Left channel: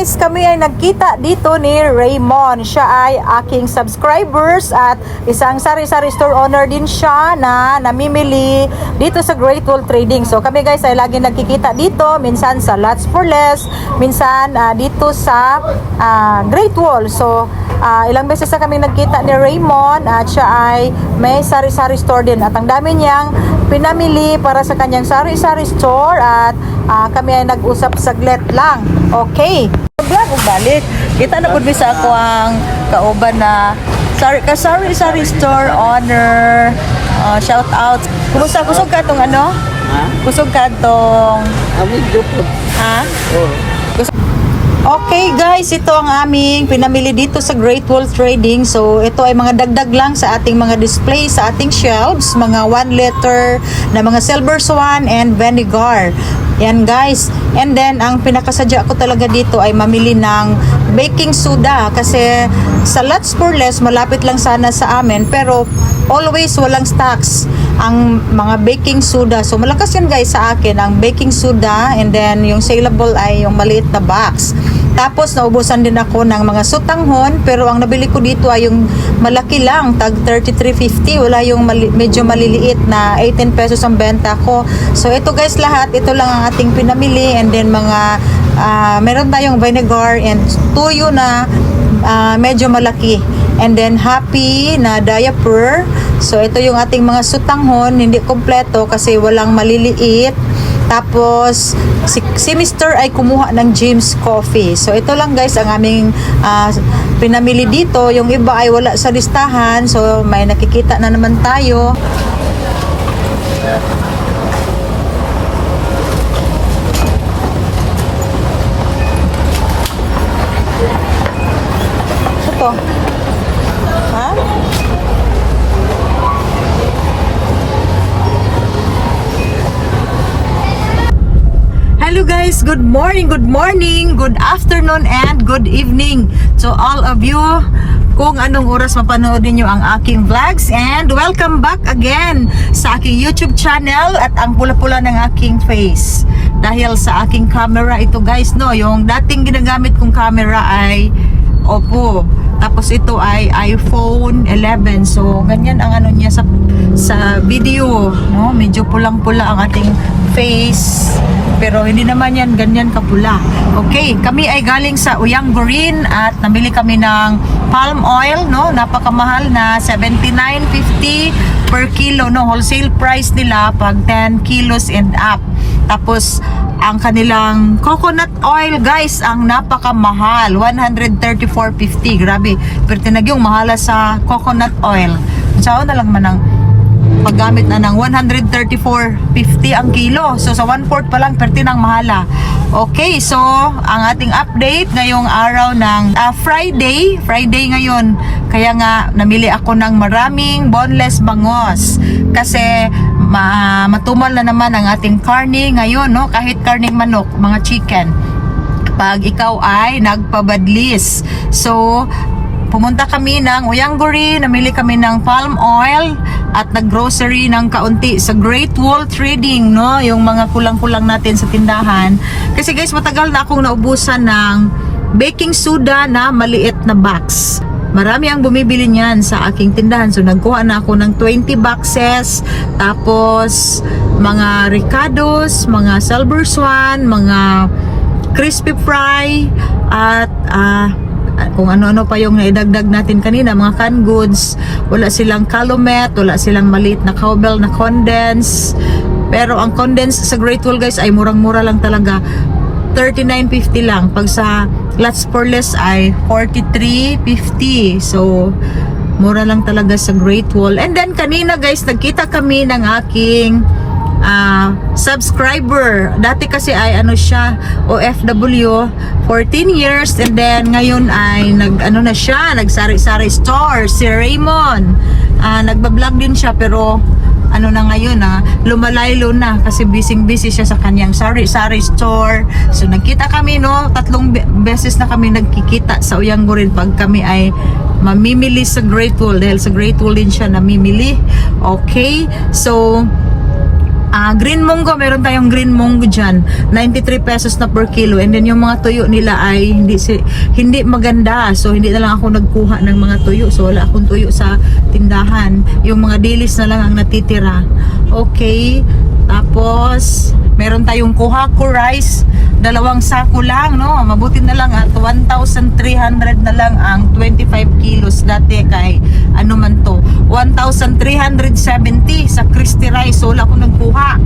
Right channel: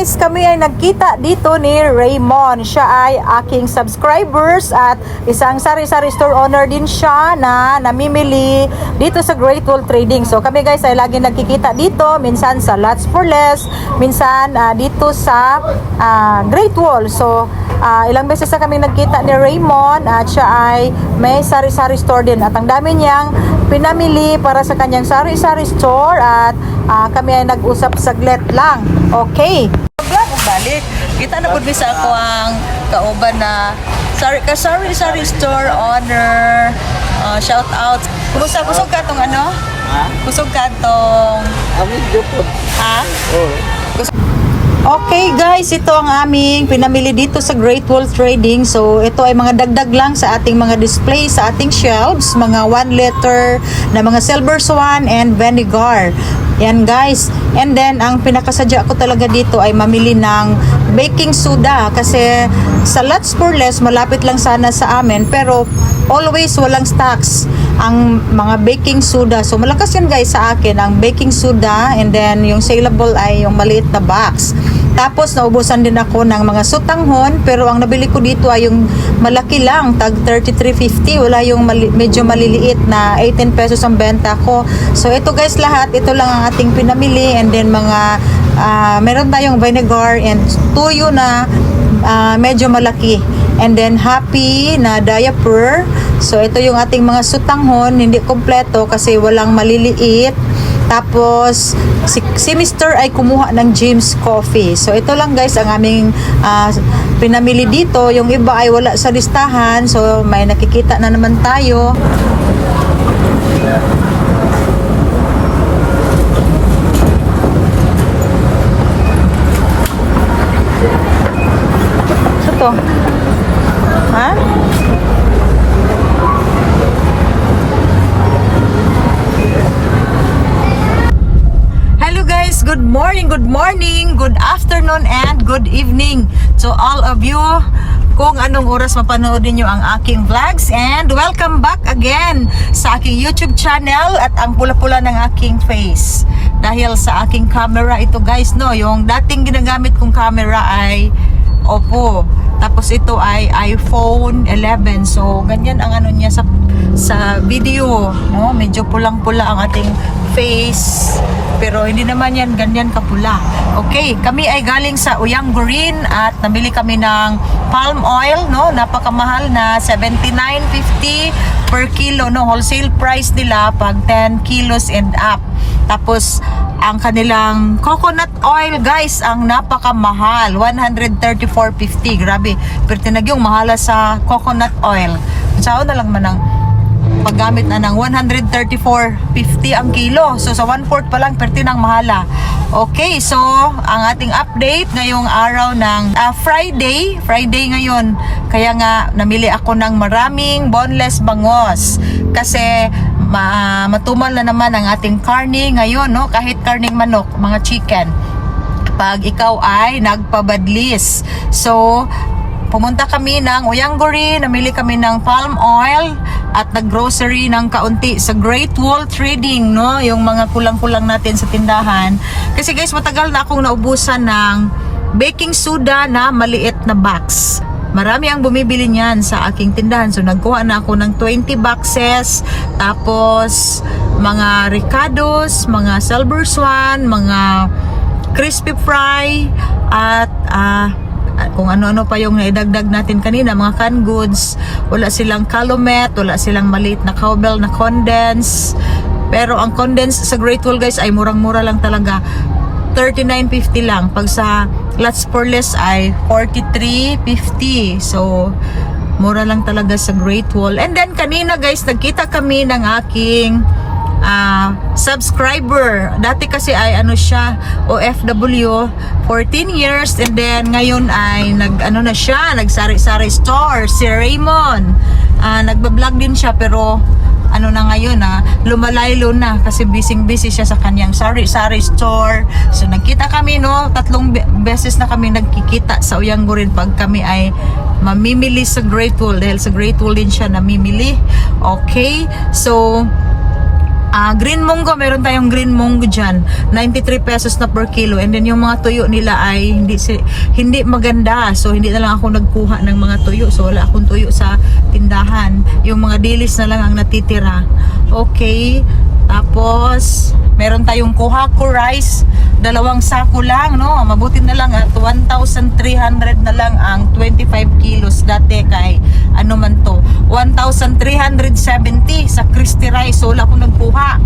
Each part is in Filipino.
guys, kami ay nagkita dito ni Raymond. Siya ay aking subscribers at isang sari-sari store owner din siya na namimili dito sa Great Wall Trading. So kami guys ay lagi nagkikita dito, minsan sa Lots for Less, minsan dito sa Great Wall. So ilang beses na kami nagkita ni Raymond at siya ay may sari-sari store din at ang dami niyang pinamili para sa kanyang sari-sari store at kami ay nag-usap saglit lang. Okay. Vlog balik. Kita na pud sa ako ang kauban na sari store owner. Shout out. Kumusta kusog ka tong ano? Ha? Kusog ka tong ha? Okay guys, ito ang aming pinamili dito sa Great Wall Trading. So ito ay mga dagdag lang sa ating mga display sa ating shelves, mga 1 liter na mga silver swan and vinegar. Yan guys. And then ang pinakasadya ko talaga dito ay mamili ng baking soda kasi sa Lots for Less malapit lang sana sa amin pero always walang stocks ang mga baking soda. So malakas yan guys sa akin ang baking soda and then yung saleable ay yung maliit na box. Tapos naubusan din ako ng mga sutanghon pero ang nabili ko dito ay yung malaki lang, tag 33.50, wala yung medyo maliliit na 18 pesos ang benta ko. So ito guys lahat, ito lang ang ating pinamili and then mga meron tayong vinegar and tuyo na medyo malaki. And then happy na diaper. So ito yung ating mga sutanghon, hindi kompleto kasi walang maliliit. Tapos si Mr. ay kumuha ng James Coffee. So ito lang guys ang aming pinamili dito. Yung iba ay wala sa listahan. So may nakikita na naman tayo. Ito. Ha? Hello guys, good morning, good afternoon, and good evening to all of you kung anong oras mapanoodin nyo ang aking vlogs, and welcome back again sa aking YouTube channel at ang pula-pula ng aking face dahil sa aking camera ito guys, no, yung dating ginagamit kong camera ay Oppo, tapos ito ay iPhone 11. So ganyan ang ano niya sa video, no? Medyo pulang-pula ang ating face. Pero hindi naman yan ganyan kapula. Okay, kami ay galing sa Uyanggurin at namili kami ng palm oil, no? Napakamahal na 79.50 per kilo, no? Wholesale price nila pag 10 kilos and up. Tapos ang kanilang coconut oil guys ang napakamahal, 134.50. Grabe, pero tinagyong mahala sa coconut oil. Saan na lang man ang paggamit na ng 134.50 ang kilo. So sa 1/4 pa lang perti ng mahala. Okay, so ang ating update ngayong araw ng Friday ngayon. Kaya nga namili ako ng maraming boneless bangos kasi matumal na naman ang ating karne ngayon, no? Kahit karning manok, mga chicken. Pag ikaw ay nagpabadlis. So pumunta kami ng Uyanggurin, namili kami ng palm oil at naggrocery ng kaunti sa Great Wall Trading, no? Yung mga kulang-kulang natin sa tindahan. Kasi guys, matagal na akong naubusan ng baking soda na maliit na box. Marami ang bumibili niyan sa aking tindahan. So nagkuha na ako ng 20 boxes. Tapos mga Ricados, mga Silver Swan, mga crispy fry at kung ano-ano pa yung naidagdag natin kanina, mga canned goods. Wala silang calumet, wala silang maliit na cowbell na condense. Pero ang condense sa Great Wall guys ay murang-mura lang talaga, 39.50 lang. Pag sa Lots for Less ay 43.50. So mura lang talaga sa Great Wall. And then kanina guys, nagkita kami ng aking subscriber. Dati kasi ay ano siya, OFW, 14 years, and then ngayon ay na siya, nagsari-sari store, si Raymond. Nagbablog din siya pero ano na ngayon lumalaylo na kasi busy siya sa kanyang sari-sari store. So nagkita kami, no, 3 beses na kami nagkikita sa Uyanggurin pag kami ay mamimili sa Great Wall dahil sa Great Wall din siya namimili. Okay, so Green munggo, meron tayong green munggo dyan. 93 pesos na per kilo. And then yung mga tuyo nila ay hindi maganda. So hindi na lang ako nagkuha ng mga tuyo. So wala akong tuyo sa tindahan. Yung mga dilis na lang ang natitira. Okay. Tapos meron tayong Kuhaku rice. 2 sako lang, no? Mabuti na lang at 1,300 na lang ang 25 kilos dati kay ano man to 1,370 sa Christy Rice. So wala ko nagkuha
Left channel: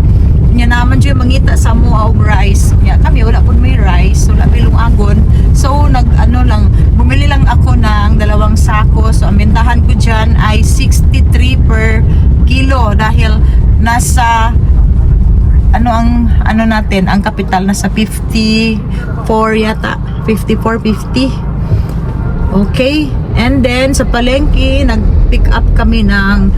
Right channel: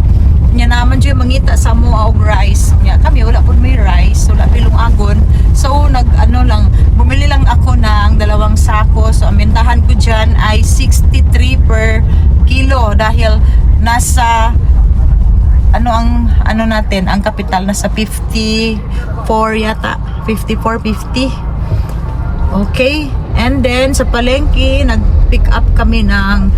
niya naman dyan mangita sa mua og rice. Ya, kami wala po may rice, wala pilong agon. So bumili lang ako ng 2 sako. So ang bentahan ko dyan ay 63 per kilo dahil nasa natin ang kapital nasa 54 yata, 54.50. Okay, and then sa palengke nag-pick up kami ng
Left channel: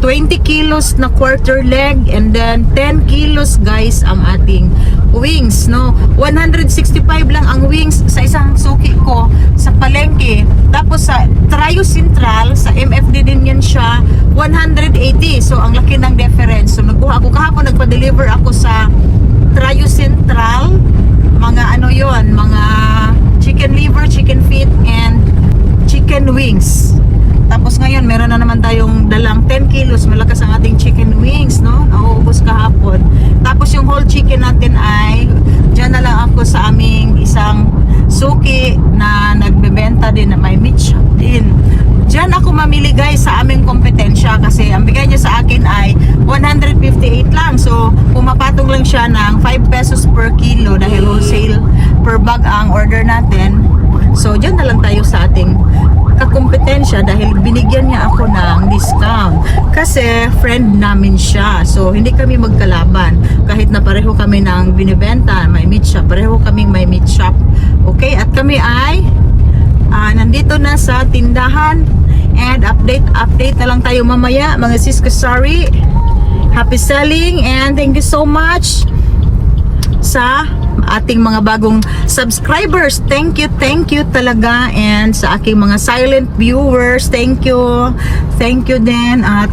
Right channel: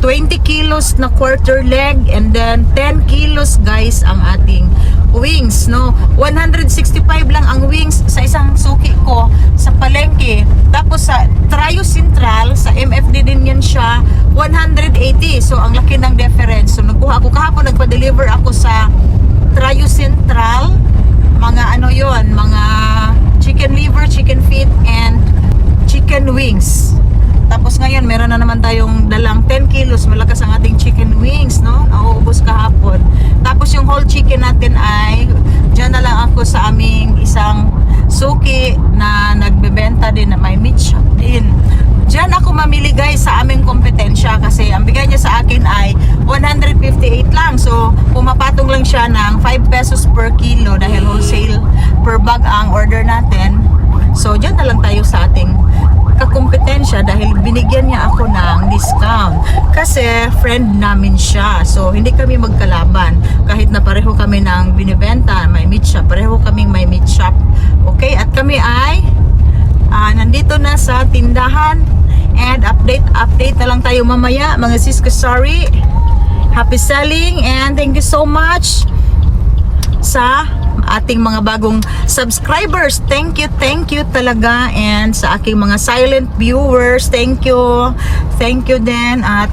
20 kilos na quarter leg, and then 10 kilos guys ang ating wings, no? 165 lang ang wings sa isang suki ko sa palengke. Tapos sa Trio Central, sa MFD din yan siya, 180. So ang laki ng difference. So nagkuha ako kahapon, nagpa-deliver ako sa Trio Central, mga mga chicken liver, chicken feet, and chicken wings. Tapos ngayon, meron na naman tayong dalang 10 kilos. Malakas ang ating chicken wings, no? Nauubos kahapon. Tapos yung whole chicken natin ay, dyan na lang ako sa aming isang suki na nagbebenta din na may meat shop din. Dyan ako mamili guys sa aming kompetensya kasi ang bigay niya sa akin ay 158 lang. So, pumapatong lang siya ng 5 pesos per kilo dahil wholesale per bag ang order natin. So, dyan na lang tayo sa ating kakompetensya dahil binigyan niya ako ng discount kasi friend namin siya. So hindi kami magkalaban kahit na pareho kami ng binibenta, may meat shop, pareho kaming may meat shop. Okay, at kami ay nandito na sa tindahan and update na lang tayo mamaya mga sis ko. Sorry, happy selling and thank you so much sa ating mga bagong subscribers. Thank you talaga, and sa aking mga silent viewers, thank you din. At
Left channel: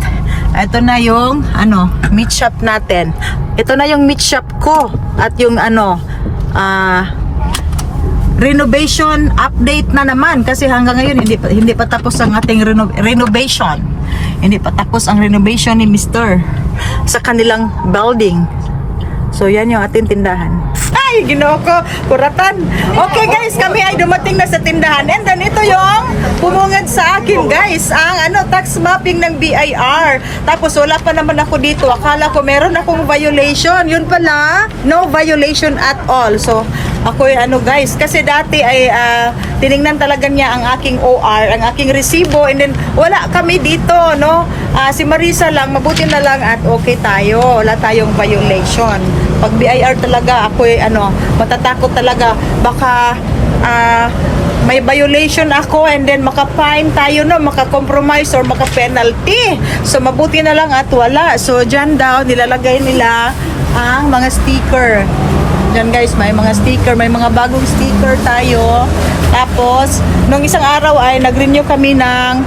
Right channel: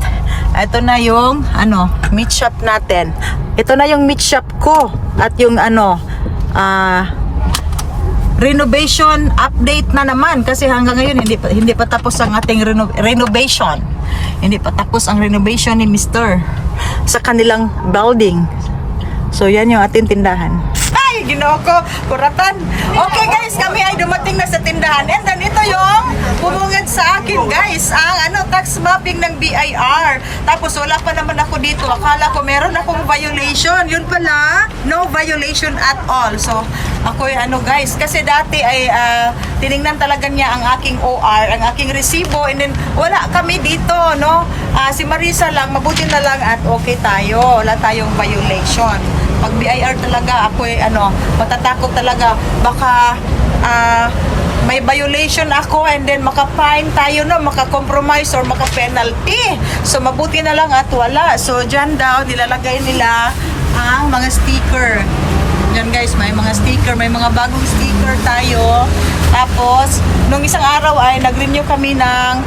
ito na yung meat shop natin. Ito na yung meat shop ko at yung renovation update na naman kasi hanggang ngayon hindi pa tapos ang ating renovation. Hindi pa tapos ang renovation ni Mr. sa kanilang building. So yan yung ating tindahan. Ay, ginoo ko, kuratan. Okay guys, kami ay dumating na sa tindahan. And then ito yung pumungad sa akin guys, ang tax mapping ng BIR. Tapos wala pa naman ako dito. Akala ko meron akong violation. Yun pala, no violation at all. So ako guys, kasi dati ay tiningnan talaga niya ang aking OR, ang aking resibo, and then wala kami dito, no? Si Marisa lang, mabuti na lang at okay tayo. Wala tayong violation. Pag BIR talaga, ako matatakot talaga. Baka may violation ako and then maka-fine tayo, no? Maka-compromise or maka-penalty. So mabuti na lang at wala. So dyan daw, nilalagay nila ang mga sticker. Diyan guys, may mga sticker, may mga bagong sticker tayo. Tapos, nung isang araw ay nag-renew kami ng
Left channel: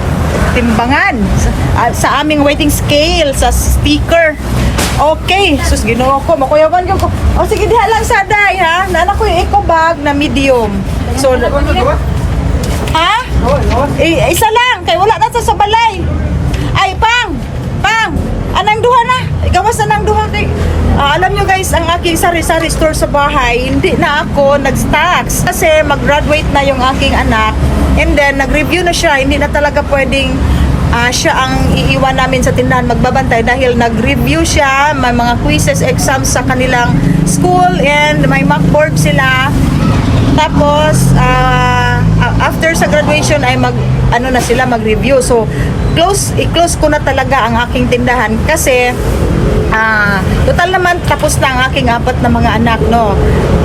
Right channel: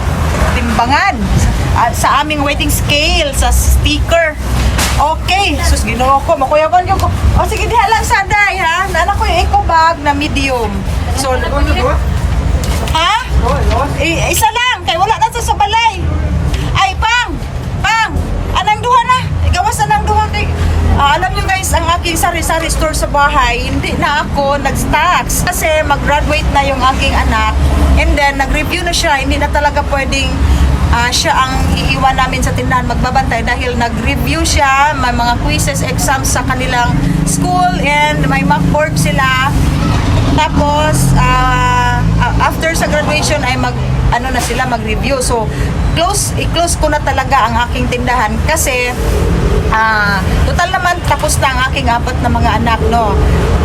timbangan sa aming weighting scale, sa sticker. Okay, sus ginoo ko, makuyawan ko. O sige, diha lang sa day ha. Naanak ko yung eco bag na medium. So, ha? Isa lang, kay wala na sa balay. Ay, pang, anang duha na. Gawas na nang duha kay. Alam nyo guys, ang aking sari-sari store sa bahay, hindi na ako nag-stocks kasi mag-graduate na yung aking anak, and then nag-review na siya. Hindi na talaga pwedeng siya ang iiwan namin sa tindahan magbabantay dahil nag-review siya, may mga quizzes, exams sa kanilang school, and may mock board sila. Tapos after sa graduation ay mag-review. So i-close ko na talaga ang aking tindahan kasi Total naman tapos na ang aking 4 na mga anak, no.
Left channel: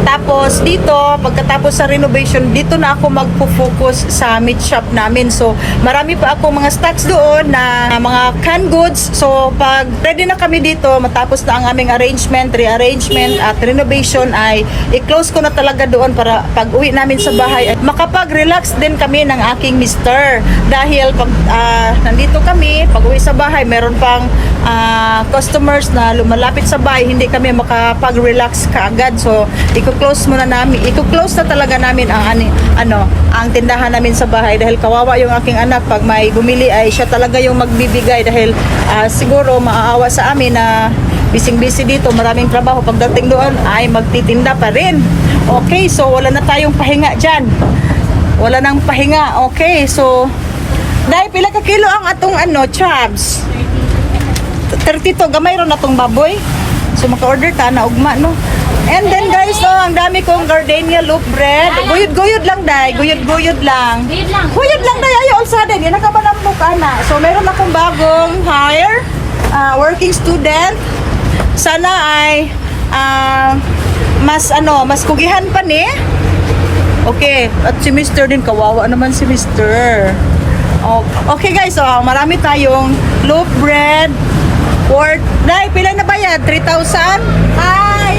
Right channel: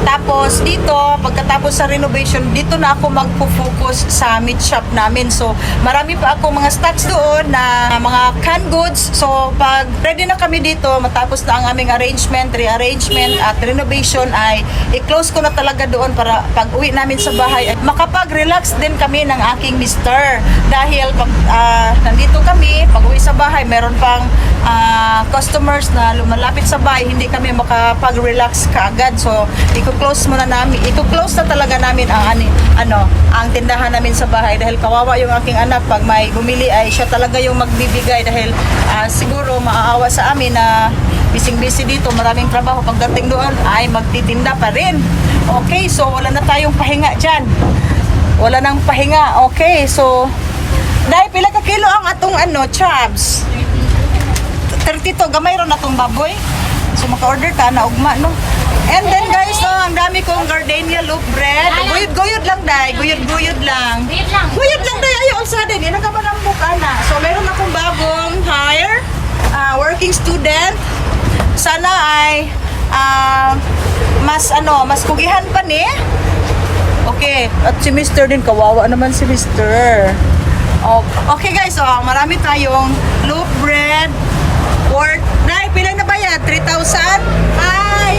Tapos dito, pagkatapos sa renovation, dito na ako magpo-focus sa meat shop namin. So, marami pa ako mga stocks doon na mga canned goods. So, pag ready na kami dito, matapos na ang aming arrangement, rearrangement at renovation, ay i-close ko na talaga doon para pag uwi namin sa bahay, at makapag-relax din kami ng aking mister. Dahil pag nandito kami, pag uwi sa bahay, meron pang customers na lumalapit sa bahay, hindi kami makapag-relax kaagad. So, i-close muna namin, i-close na talaga namin ang ang tindahan namin sa bahay dahil kawawa yung aking anak. Pag may bumili ay siya talaga yung magbibigay dahil siguro maaawa sa amin na busy dito, maraming trabaho. Pagdating doon ay magtitinda pa rin. Okay, so wala na tayong pahinga dyan. Wala nang pahinga. Okay, so dahil pila ka kilo ang atong chabs? 32, gamay ron atong baboy. So maka-order ka na ugma, no? And then guys, ang dami kong gardenia loaf bread. Guyod lang, day. Guyod lang. Guyod lang, day. Ayaw, alsa, day. Di na ka ba ng mukha na. So meron akong bagong hire, working student. Sana ay mas kugihan pa ni. Okay, at si Mr. din, kawawa naman si Mr. Okay guys, so marami tayong loaf bread worth, dahil pila na ba yan? 3,000? Hi!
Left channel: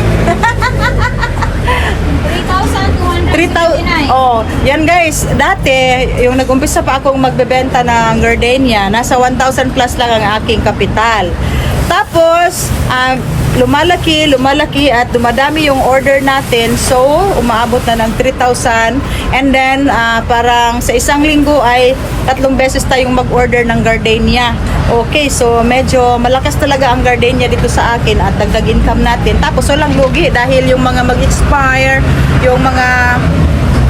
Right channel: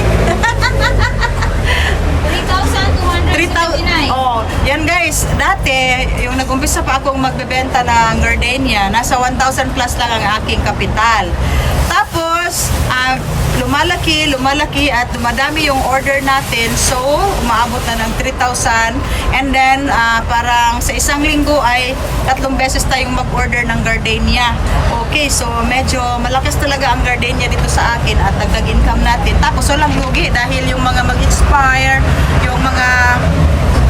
3,200. Oh, yan guys, dati yung nag-umpisa pa akong magbebenta ng gardenia, nasa 1,000 plus lang ang aking kapital. Tapos lumalaki at dumadami yung order natin, so umaabot na ng 3,000. And then parang sa isang linggo ay 3 beses tayong mag-order ng gardenia. Okay, so medyo malakas talaga ang gardenia dito sa akin at dagdag income natin. Tapos walang lugi dahil yung mga mag-expire, yung mga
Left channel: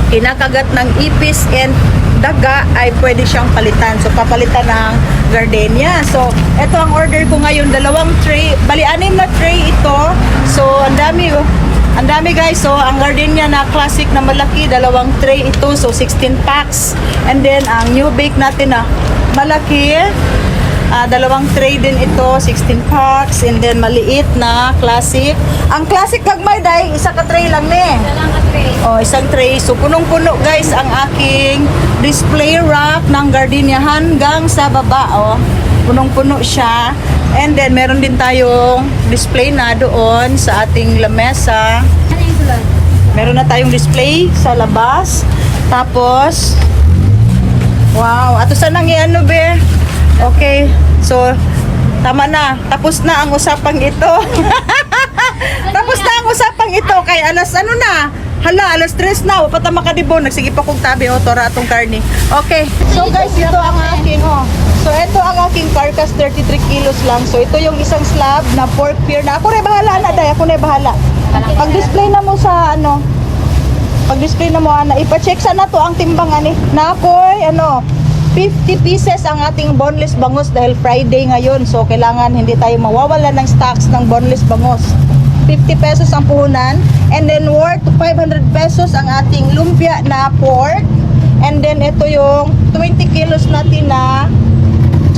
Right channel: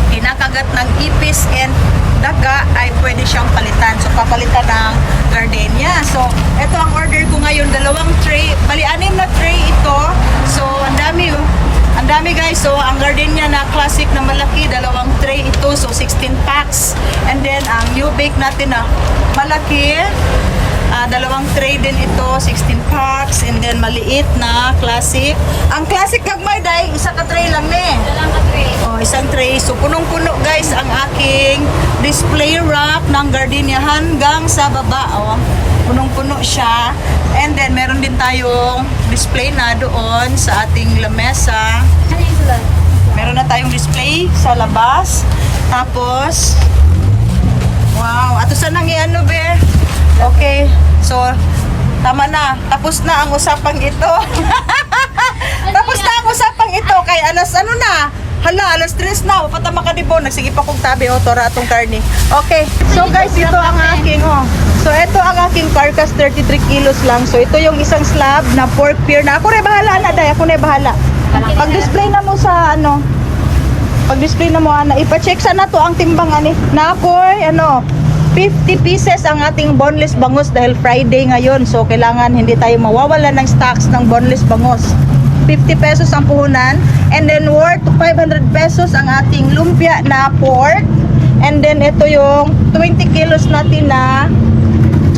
kinakagat ng ipis and daga ay pwede siyang palitan. So papalitan ng gardenia. So ito ang order ko ngayon, 2 tray, bali 6 na tray ito. So ang dami guys. So ang gardenia na classic na malaki, 2 tray ito, so 16 packs. And then ang new bake natin na malaki, 2 tray din ito, 16 packs. And then maliit na classic. Ang classic kagmay day, isa ka tray lang isang tray. So punong-puno guys ang aking display rack ng gardenia hanggang sa baba. Punong-puno siya. And then meron din tayong display na doon sa ating lamesa. Meron na tayong display sa labas. Tapos wow, ato sanang be. Okay, so tama na. Tapos na ang usapang ito. Tapos na ang usapang ito. Kay alas alas 3 na. Wapata makadibon. Nagsige pa kong tabi. Tora atong karni. Okay. So guys, ito ang aking So ito ang aking carcass, 33 kilos lang. So ito yung isang slab na pork pear na. Ako na bahala na, day. Ako na bahala. Pag-display na mo sa pag-display na mo, ipa-check sana to ang timbang na ako'y 50 pieces ang ating boneless bangus dahil Friday ngayon. So, kailangan hindi tayo mawawala ng stocks ng boneless bangus. 50 pesos ang puhunan. And then, worth 500 pesos ang ating lumpia na pork. And then, ito yung 20 kilos natin na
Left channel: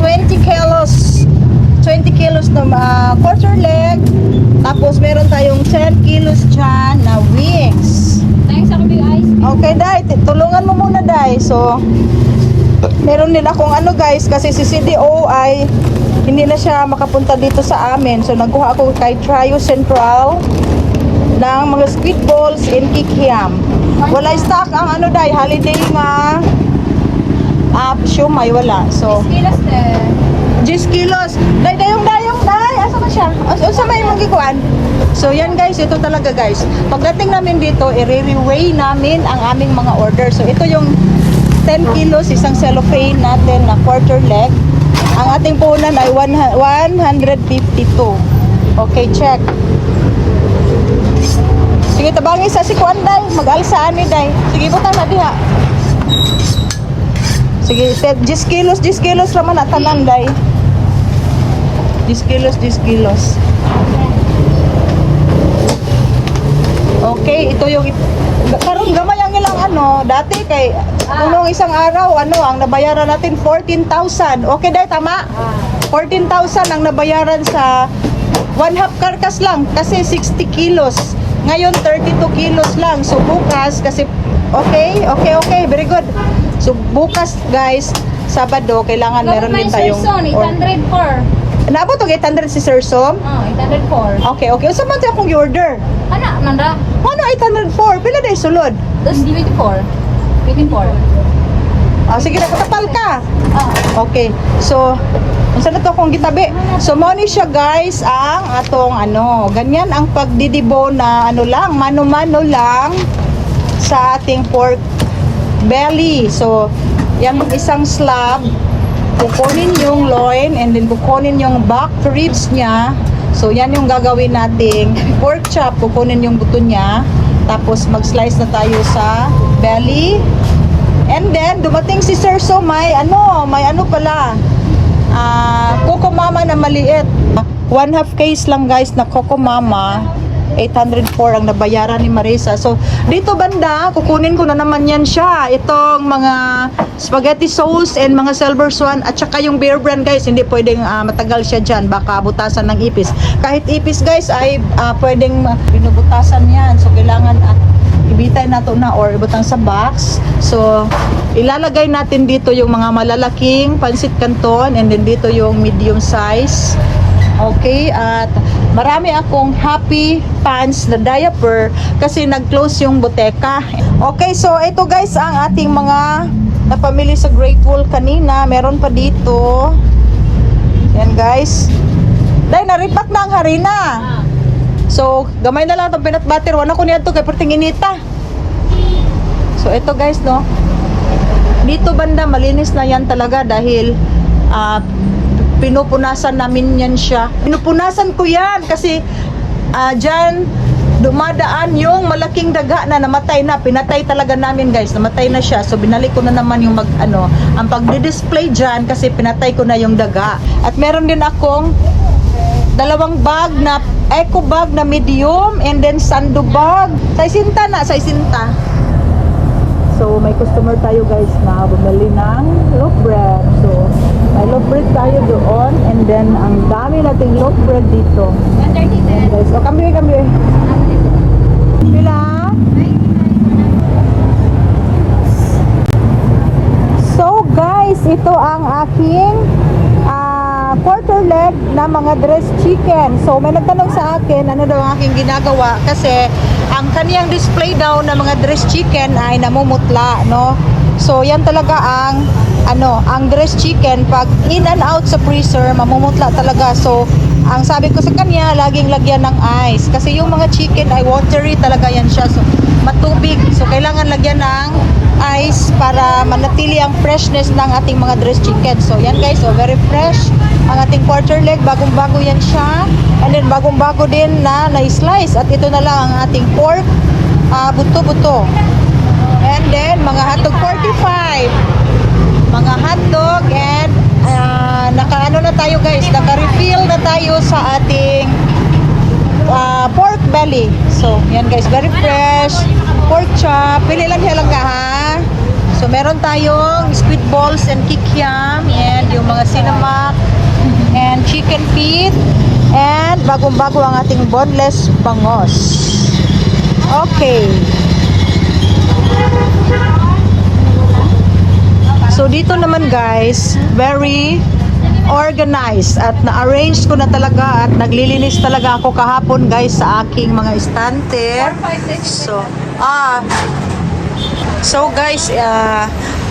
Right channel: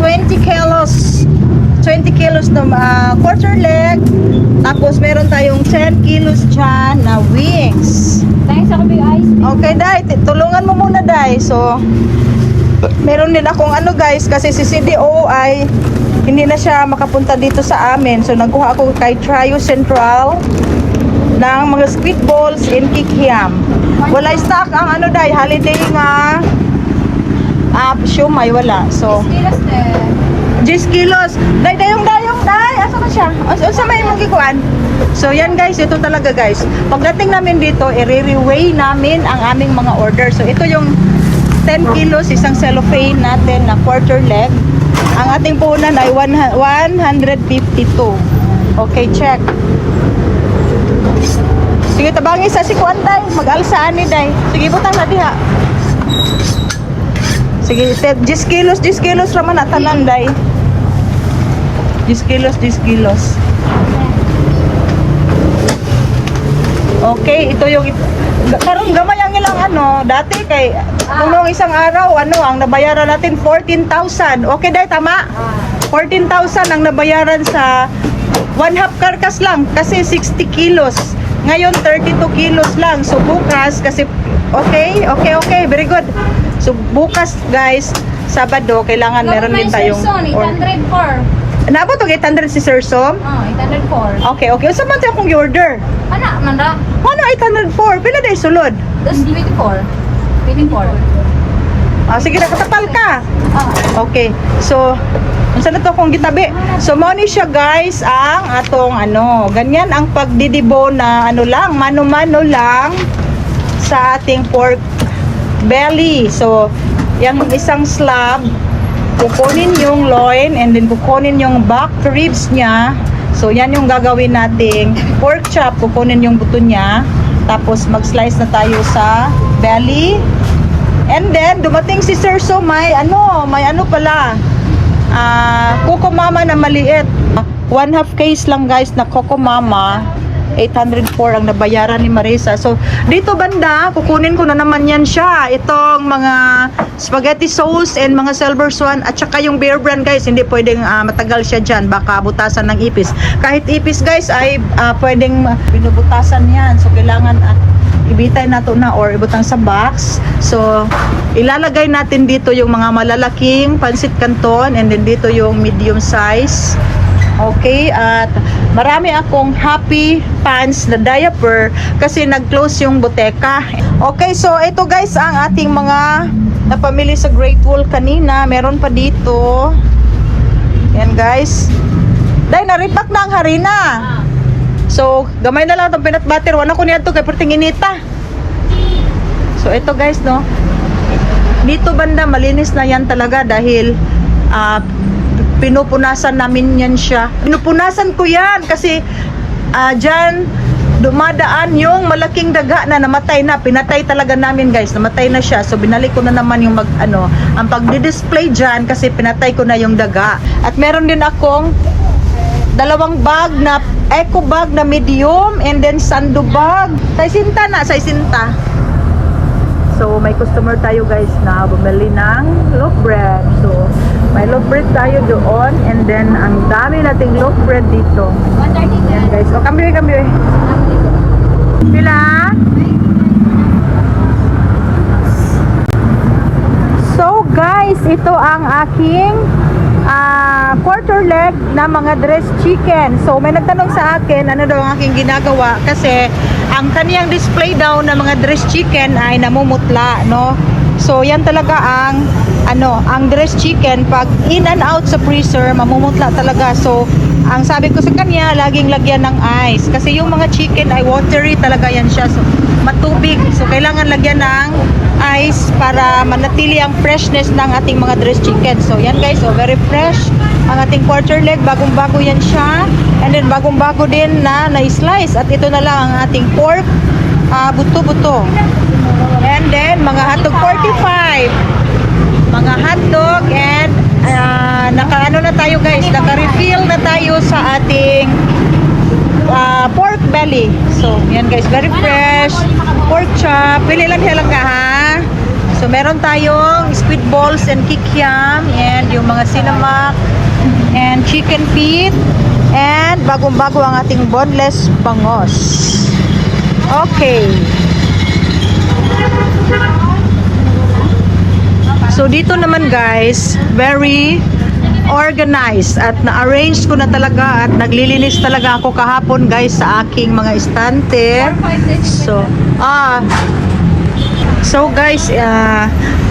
20 kilos na quarter leg. Tapos, meron tayong 10 kilos dyan na wings. Thanks ako big ice. Okay, Day. Tulungan mo muna, Day. So, meron din akong guys, kasi si CDO ay hindi na siya makapunta dito sa amin. So nagkuha ako kay Trio Central ng mga squid balls and kikiam. Wala stock ang day, holiday nga siomay, wala. So 10 kilos. Dayong day. Asa man siya? Asa may mong gikuan? So yan guys, ito talaga guys. Pagdating namin dito, i-re-weigh namin ang aming mga order. So ito yung 10 kilos, isang cellophane natin na quarter leg. Ang ating puhunan ay 152. Okay, check. Sige, tabangi sa si Kuan, Day. Mag-alsaan ni Day. Sige, butang na diha. Sige, 10 kilos naman natanan, Day. 10 kilos. Okay, ito yung karon gamay ang ilang dati kay nung isang araw ang nabayaran natin 14,000. Okay, Day, tama? 14,000 ang nabayaran sa one half carcass lang kasi 60 kilos. Ngayon 32 kilos lang. So bukas kasi okay, very good. So bukas guys, Sabado, kailangan meron din tayong 804. Nabot og 800 si Sir Som? 804. Okay. Unsa man tayo kung order? Ana, manda. Ano 804? Pila day sulod? Tapos 24. 24. Sige na, katapal ka. Oh. Okay. So, unsa na to kung gitabi? So, mo ni siya guys ang atong ganyan ang pagdidibo na lang, mano-mano lang sa ating pork belly. So, yung isang slab, kukunin yung loin and then kukunin yung back ribs niya. So, yan yung gagawin nating pork chop. Kukunin yung buto niya. Tapos, mag-slice na tayo sa belly. And then, dumating si Sir So, may ano pala, Coco Mama na maliit. 1/2 case lang guys na Coco Mama. 804 ang nabayaran ni Marisa. So, dito banda, kukunin ko na naman yan siya. Itong mga spaghetti sauce and mga silver swan at saka yung Bear Brand guys. Hindi pwedeng matagal siya dyan. Baka butasan ng ipis. Kahit ipis guys ay pwedeng binubutasan yan. So, kailangan ibitay na to na or ibutang sa box. So, ilalagay natin dito yung mga malalaking pansit canton and then dito yung medium size. Okay, at marami akong happy pants na diaper kasi nag-close yung boteka. Okay, so ito guys ang ating mga napamili sa Great Wall kanina. Meron pa dito. Yan guys. Dahil na-repack na ang harina. So, gamay na lang itong peanut butter. Wala ko niya ito kay perting inita. So, ito guys, no. Dito banda, malinis na yan talaga dahil pinupunasan namin yan siya. Pinupunasan ko yan kasi dyan dumadaan yung malaking daga na namatay na. Pinatay talaga namin guys. Namatay na siya. So, binalik ko na naman yung ang pagdi-display dyan kasi pinatay ko na yung daga. At meron din akong dalawang bag na eco bag na medium and then sando bag. Saisinta na, saisinta. So, may customer tayo guys na bumili ng loaf bread. So, may loaf bread tayo doon and then ang dami nating loaf bread dito. 130 Yan guys. O, kambyo. Pila? So, guys, ito ang aking quarter leg na mga dressed chicken. So, may nagtanong sa akin ano daw ang aking ginagawa kasi ang kaniyang display daw na mga dressed chicken ay namumutla, no? So, yan talaga ang dressed chicken pag in and out sa freezer, mamumutla talaga. So, ang sabi ko sa kanya, laging lagyan ng ice kasi yung mga chicken ay watery talaga yan siya. So, matubig. So, kailangan lagyan ng ice para manatili ang freshness ng ating mga dressed chicken. So, yan guys, so very fresh ang ating quarter leg, bagong-bago yan siya. And then bagong-bago din na na-slice. At ito na lang ang ating pork, buto-buto. And then mga hotdog 45. Mga hotdog and naka-ano na tayo guys, naka-refill na tayo sa ating pork belly. So, yan guys, very fresh. Pork chop. Pili lang siya lang ka ha. So, meron tayong squid balls and kikiam and yung mga sinamak and chicken feet and bagong-bago ang ating boneless bangos. Okay. So, dito naman guys, very organized at na-arrange ko na talaga at naglilinis talaga ako kahapon guys sa aking mga estante. So guys,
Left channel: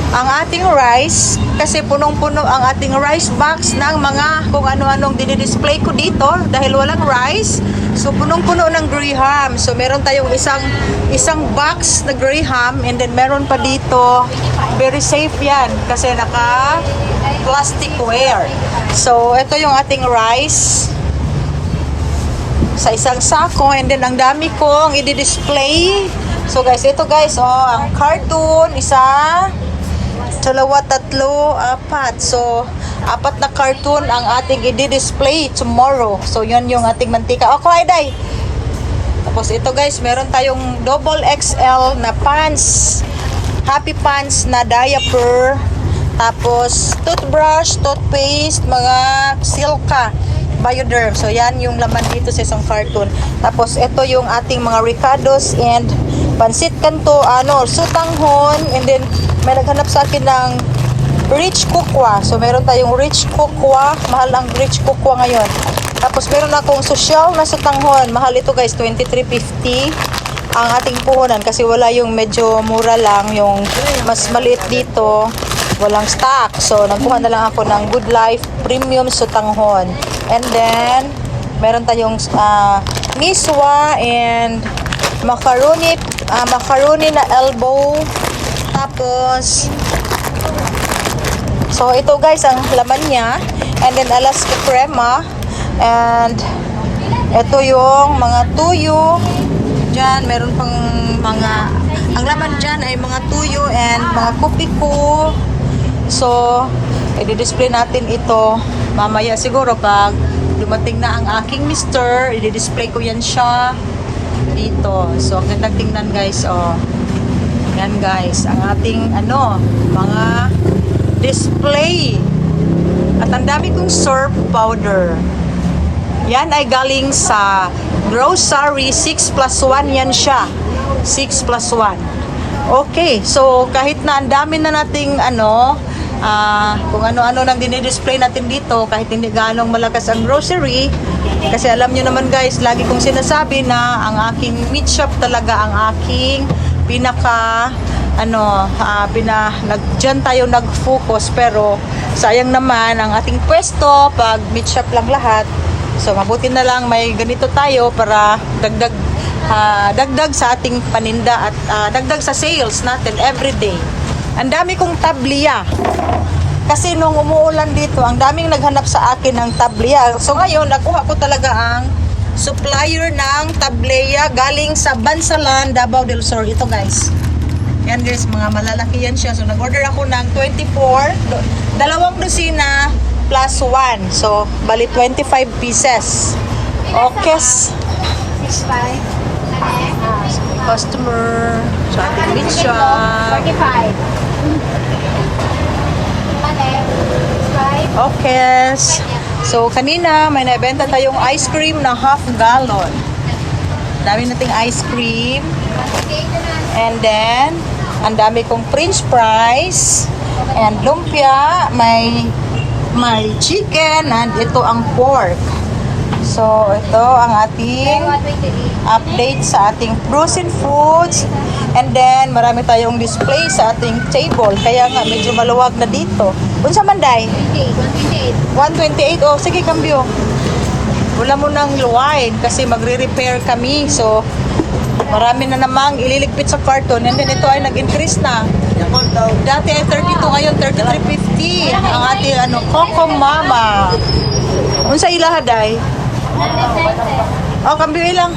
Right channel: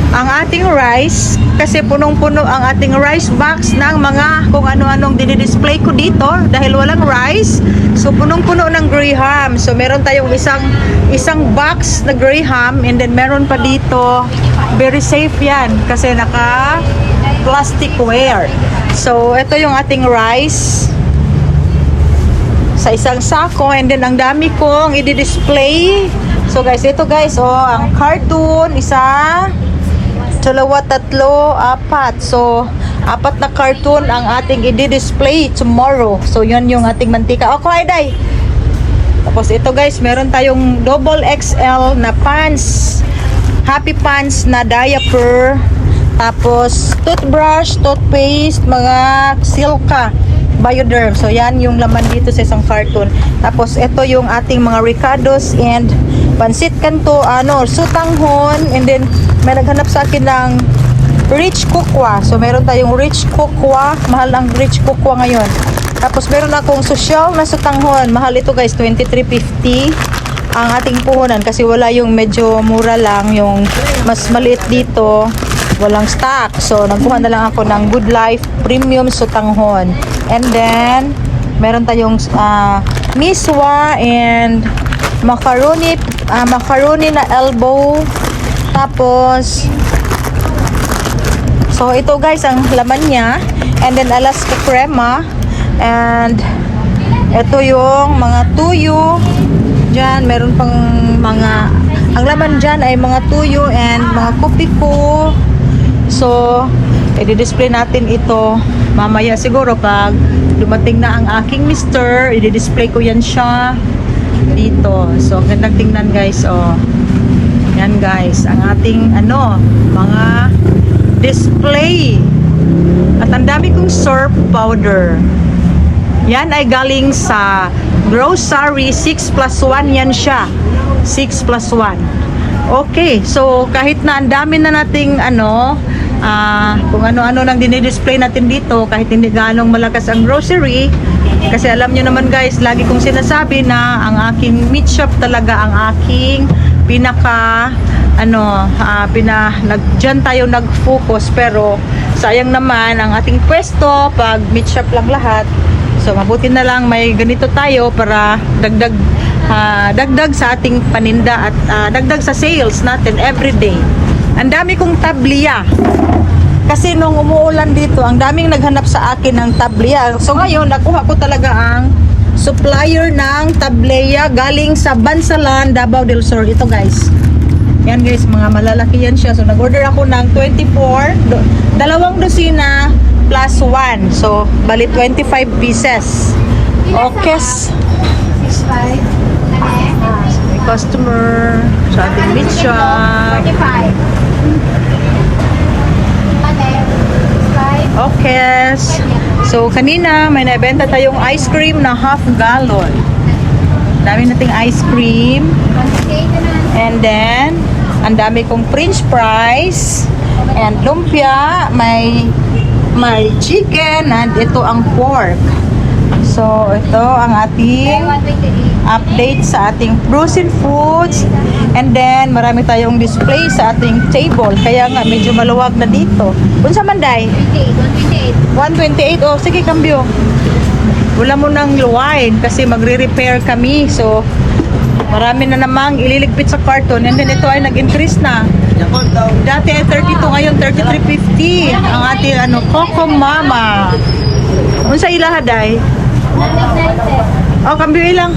ang ating rice kasi punong-puno ang ating rice box ng mga kung ano-anong dinidisplay ko dito dahil walang rice. So punong-puno ng graham. So meron tayong isang box na graham and then meron pa dito, very safe yan kasi naka plasticware. So ito yung ating rice sa isang sako and then ang dami kong i-display. So guys, ito guys, ang cartoon, isa, dalawa, tatlo, apat. So, 4 na cartoon ang ating i-display tomorrow. So, yun yung ating mantika. Okay, day. Tapos ito guys, meron tayong double XL na pants. Happy pants na diaper. Tapos, toothbrush, toothpaste, mga silka. Bioderm. So yan yung laman dito sa isang carton. Tapos ito yung ating mga ricados and pansit kanto, sutanghon, and then may naghanap sa akin ng rich kukwa. So meron tayong rich kukwa, mahal ang rich kukwa ngayon. Tapos meron akong social na sutanghon, mahal ito guys, 23.50 ang ating puhunan kasi wala yung medyo mura lang, yung mas maliit dito walang stock. So nagkuha na lang ako ng Good Life Premium sutanghon. And then meron tayong miswa and macaroni na elbow. Tapos so ito guys ang laman niya, and then Alaska crema, and ito yung mga tuyo dyan. Meron pang mga, ang laman dyan ay mga tuyo and mga kupiko. So i-display natin ito mamaya siguro pag dumating na ang aking mister. I-display ko yan siya dito. So ang gandang tingnan guys. Yan guys ang ating mga display. At ang dami kong surf powder. Yan ay galing sa grocery. 6+1 yan siya. 6+1. Okay, so kahit na ang dami na nating kung ano-ano nang dinidisplay natin dito, kahit hindi ganong malakas ang grocery, kasi alam nyo naman guys, lagi kong sinasabi na ang aking meat shop talaga ang aking pinaka dyan tayo nag-focus, pero sayang naman ang ating pwesto pag meat shop lang lahat. So mabuti na lang may ganito tayo para dagdag sa ating paninda at dagdag sa sales natin everyday. Ang dami kong tabliya kasi nung umuulan dito, ang daming naghanap sa akin ng tabliya. So ngayon nakuha ko talaga ang supplier ng tableya galing sa Bansalan, Davao del Sur. Ito guys, yan guys, mga malalaki yan siya. So nag-order ako ng 24, dalawang dosina plus 1. So bali 25 pieces. Okay. May customer sa ating meat shop. 35. Okay. So kanina may nabenta tayong ice cream na half gallon. Dami nating ice cream. And then ang dami kong french fries and lumpia, may chicken, and ito ang pork. So ito ang ating update sa ating frozen foods. And then marami tayong display sa ating table, kaya nga medyo maluwag na dito. Unsa man day? 128. Oh, sige, kambyo. Wala mo nang luwain kasi magre-repair kami. So marami na namang ililigpit sa carton. And then ito ay nag-increase na. Dati ay 32, ngayon 33.50 ang ating Coco Mama. Unsa ilaha day? Oh, kambyo ilang.